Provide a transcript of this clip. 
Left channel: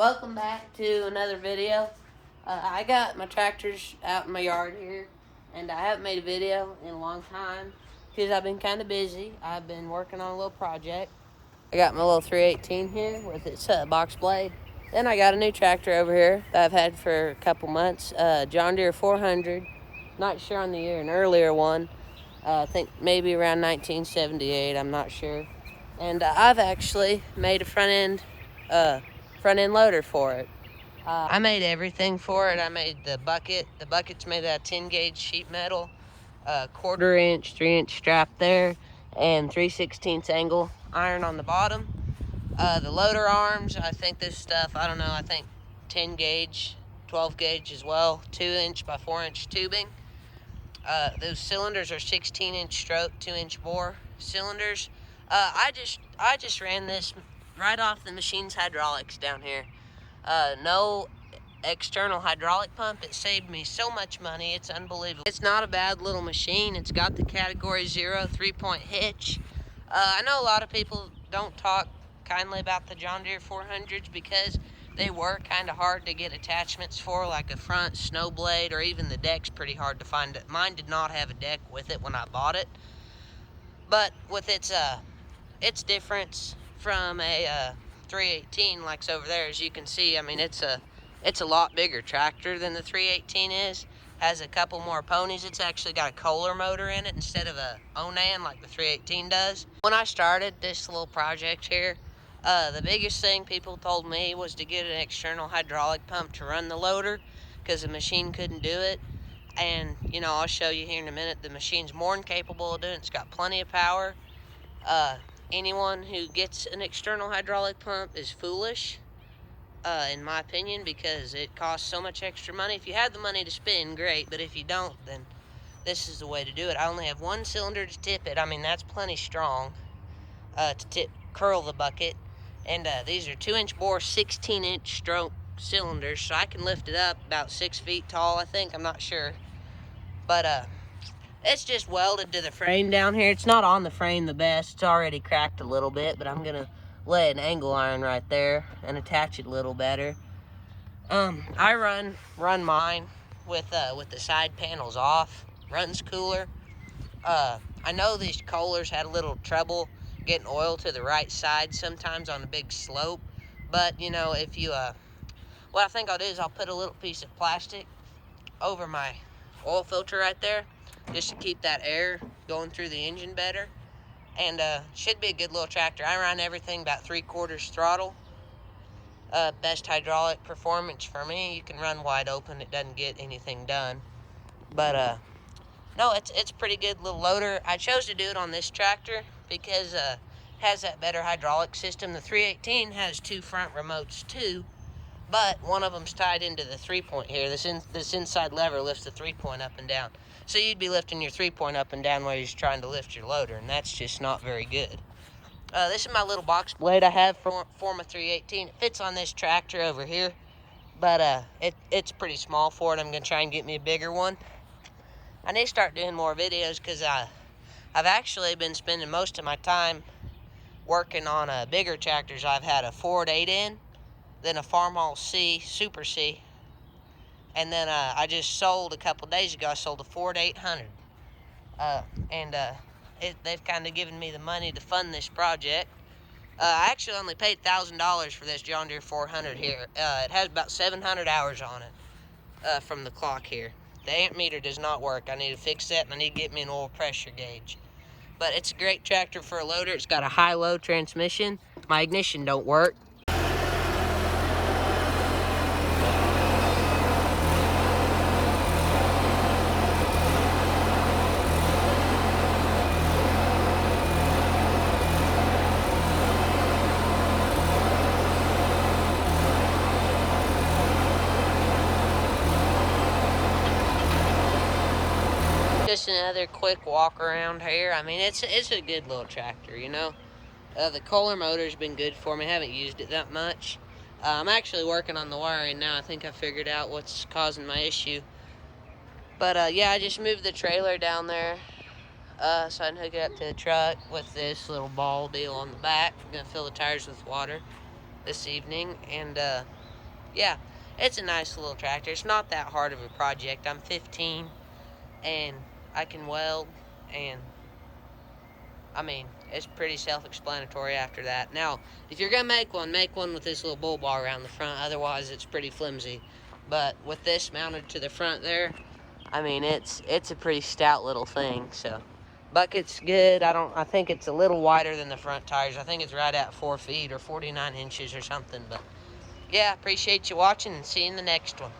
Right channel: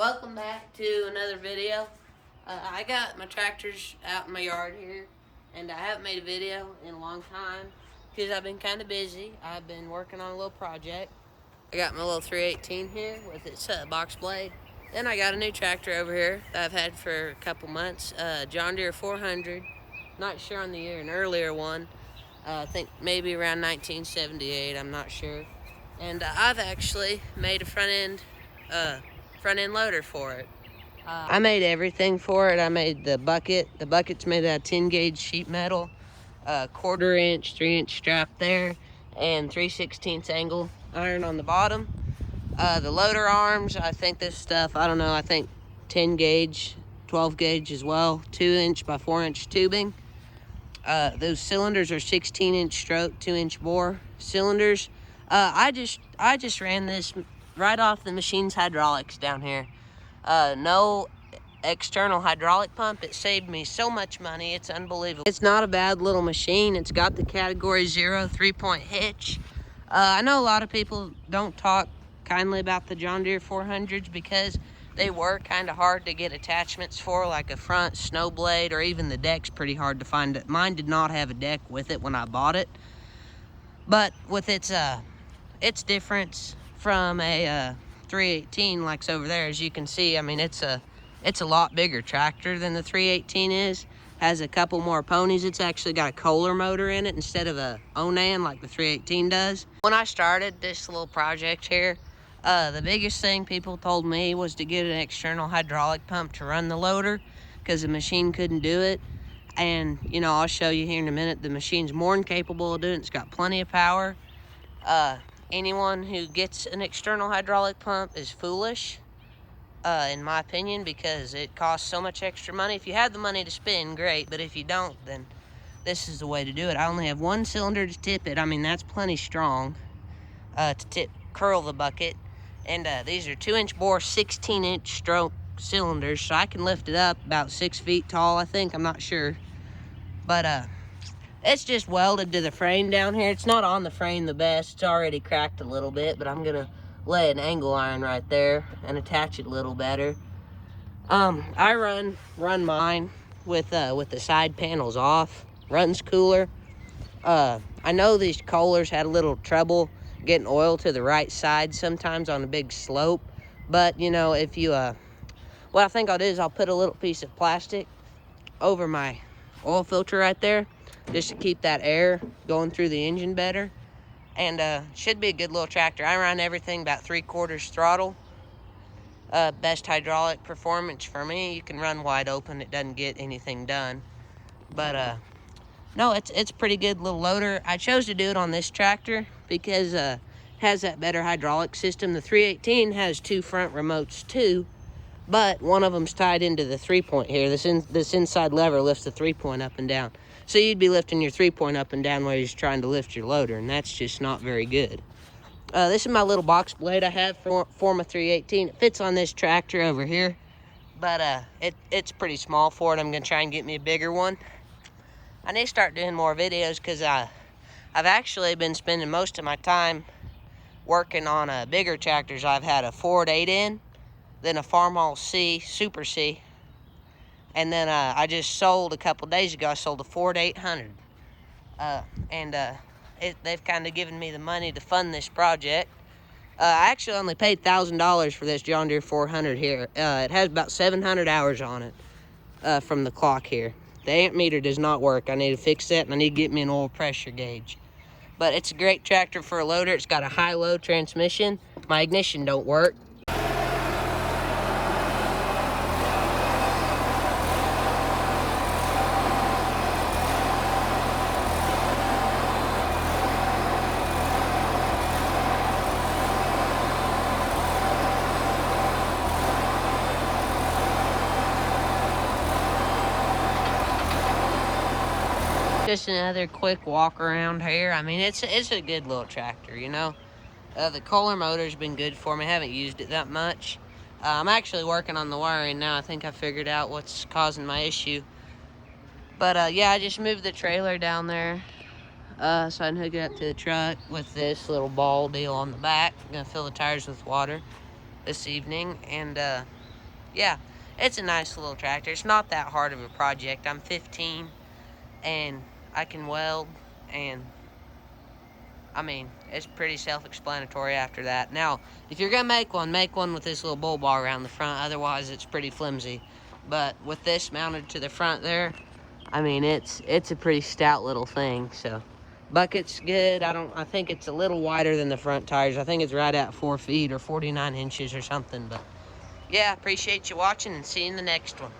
Welcome back to another video. I got my tractors out in my yard here, and I haven't made a video in a long time because I've been kind of busy. I've been working on a little project. I got my little 318 here with its box blade. Then I got a new tractor over here that I've had for a couple months, John Deere 400. Not sure on the year, an earlier one. I think maybe around 1978, I'm not sure. And I've actually made a front end loader for it. I made everything for it. I made the bucket. The bucket's made out of 10 gauge sheet metal, 1/4 inch, 3-inch strap there, and 3/16 angle iron on the bottom. The loader arms, I think this stuff, I don't know, I think 10 gauge, 12 gauge as well, 2-inch by 4-inch tubing. Those cylinders are 16-inch stroke, 2-inch bore cylinders. I just ran this right off the machine's hydraulics down here. No external hydraulic pump. It saved me so much money. It's unbelievable. It's not a bad little machine. It's got the category 0 3-point hitch. I know a lot of people don't talk kindly about the John Deere 400s because they were kind of hard to get attachments for, like a front snow blade, or even the deck's pretty hard to find. Mine did not have a deck with it when I bought it, but with its difference from a 318 like's over there, as you can see, I mean, it's a lot bigger tractor than the 318 is. Has a couple more ponies. It's actually got a Kohler motor in it instead of a Onan like the 318 does. When I started this little project here, the biggest thing people told me was to get an external hydraulic pump to run the loader because the machine couldn't do it. And, you know, I'll show you here in a minute, the machine's more than capable of doing it. It's got plenty of power. Anyone who gets an external hydraulic pump is foolish, in my opinion, because it costs so much extra money. If you have the money to spend, great, but if you don't, then this is the way to do it. I only have one cylinder to tip it. I mean, that's plenty strong to curl the bucket. And these are 2-inch bore, 16-inch stroke cylinders, so I can lift it up about 6 feet tall, I think. I'm not sure. But it's just welded to the frame down here. It's not on the frame the best. It's already cracked a little bit, but I'm gonna lay an angle iron right there and attach it a little better. I run mine with the side panels off. Runs cooler. I know these Kohlers had a little trouble getting oil to the right side sometimes on a big slope, but you know, if you what I think I'll do is I'll put a little piece of plastic over my oil filter right there, just to keep that air going through the engine better. And should be a good little tractor. I run everything about 3/4 throttle. Best hydraulic performance for me. You can run wide open, it doesn't get anything done. But no, it's pretty good little loader. I chose to do it on this tractor because it has that better hydraulic system. The 318 has 2 front remotes too, but one of them's tied into the 3-point here. This inside lever lifts the 3-point up and down. So you'd be lifting your 3-point up and down while you're trying to lift your loader, and that's just not very good. This is my little box blade I have for my 318. It fits on this tractor over here, but it's pretty small for it. I'm gonna try and get me a bigger one. I need to start doing more videos because I've actually been spending most of my time working on bigger tractors. I've had a Ford 8N, then a Farmall C, Super C, and then I just sold a couple days ago, I sold a Ford 800. They've kind of given me the money to fund this project. I actually only paid $1,000 for this John Deere 400 here. It has about 700 hours on it from the clock here. The amp meter does not work. I need to fix that, and I need to get me an oil pressure gauge. But it's a great tractor for a loader. It's got a high-low transmission. My ignition don't work. Just another quick walk around here. I mean, it's a good little tractor, you know. The Kohler motor's been good for me. I haven't used it that much. I'm actually working on the wiring now. I think I figured out what's causing my issue. But yeah, I just moved the trailer down there so I can hook it up to the truck with this little ball deal on the back. I'm gonna fill the tires with water this evening, and yeah, it's a nice little tractor. It's not that hard of a project. I'm 15 and I can weld, and I mean, it's pretty self-explanatory after that. Now, if you're going to make one with this little bull bar around the front. Otherwise, it's pretty flimsy. But with this mounted to the front there, I mean, it's a pretty stout little thing. So, bucket's good. I think it's a little wider than the front tires. I think it's right at 4 feet or 49 inches or something. But, yeah, appreciate you watching, and see you in the next one.